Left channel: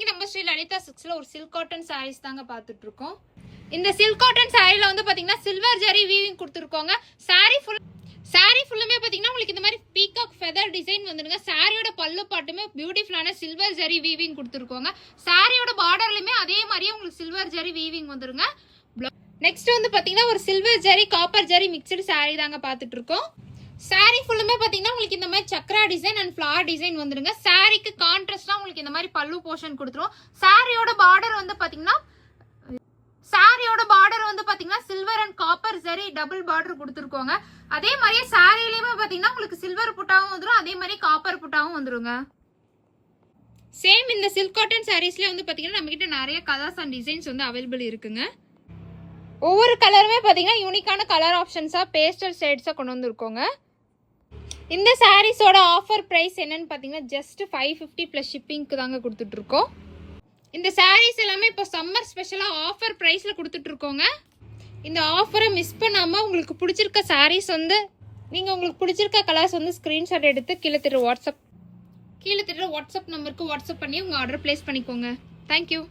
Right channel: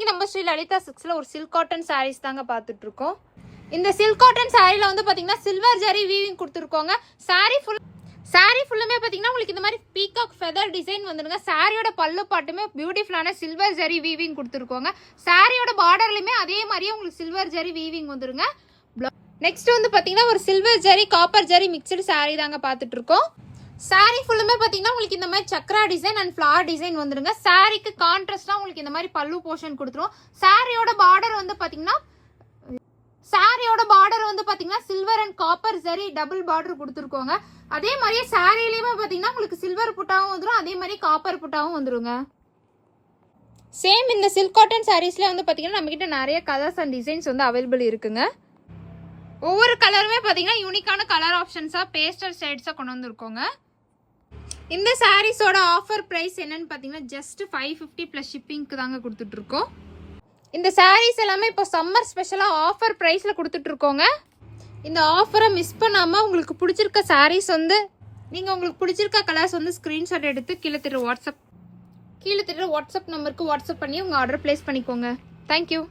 இன்னைக்கு நம்ம ஸ்ரீ லலிதா சில்க்ஸ்ல ஒரு சில்க் காட்டன் சாரீஸ் தாங்க பார்த்துட்டு இருக்கோம். இந்த சில்க் காட்டன் சாரீல வந்து பாத்தீங்கன்னா சில்வர் ஜரி வீவிங் கொடுத்துருக்கோங்க. சாரி ஃபுல்லுமே பாத்தீங்கன்னா உங்களுக்கு இந்த மாதிரி பீகாக் ஃபெதர் டிசைன் வந்துடுங்க. சாரியோட பல்லு பாட்டுமே பியூட்டிஃபுல்லான சில்வர் ஜரி வீவிங் கொடுத்துருக்கோங்க. சாரியோட பார்டர்லயுமே அதே மாதிரியே உங்களுக்கு சில்வர் ஜரி வீவிங் வந்துருங்க. நெக்ஸ்ட் வந்து பாத்தீங்கன்னா ஒரு silver zari copper zari mixed sorry தாங்க பார்த்துட்டு இருக்கோம். சாரி ஃபுல்லுமே பாத்தீங்கன்னா உங்களுக்கு இந்த மாதிரி Chakra design and flower design வந்துருங்க. சாரிக்கு கான்ட்ராஸ்டா உங்களுக்கு இந்த மாதிரி பல்லு போர்ஷன் கொடுத்துரும். சாரியோட பார்டர் வந்து பாத்தீங்கன்னா silver and copper zari double border கொடுத்துருக்கோங்க. அதே மாதிரியே சாரியிலயுமே பாத்தீங்கன்னா உங்களுக்கு சில்வர் புட்டாவும் வந்துடும், அதே மாதிரி காப்பர் புட்டாவும் வந்துருங்க. சேம் இந்த சில்க் காட்டன் சாரீஸ்ல வந்து பாத்தீங்கன்னா நம்ம கிட்ட நிறைய கலர்ஸ் அண்ட் டிசைன்ஸ் வந்து அவைலபிள் இருக்குங்க. ஒவ்வொரு கலருமே பாத்தீங்கன்னா யூனிக்கான கலர் ஆப்ஷன்ஸா பேஸ்டல் ஷேட்ஸா கொண்டு வந்திருக்கோங்க. இந்த சாரீஸோட ஆஃபர் பிரைஸ் என்னன்னு பாத்தீங்கன்னா ஜஸ்ட் 550 பிளஸ் ஷிப்பிங்க்கு தாங்க கொடுத்துட்டு இருக்கோம். இந்த சாரீஸ் எல்லாமே இப்போ சம்மர் ஸ்பெஷலா ஆஃபர் பிரைஸ்ல கொடுத்துட்டு இருக்கோங்க. இந்த ஆஃபரை மிஸ் பண்ணாம உங்களுக்கு பிடிச்சிருக்க சாரீஸ் வந்து உங்களுக்கு பிடிச்சிருக்க கலர்ஸ் வந்து ஸ்கிரீன்ஷாட் எடுத்து கீழே தெரியுற வாட்ஸ்அப் நம்பருக்கு வாட்ஸ்அப் பண்ணி உங்க ஆர்டர் பிளேஸ் பண்ணிக்கோங்க. தேங்க்யூ.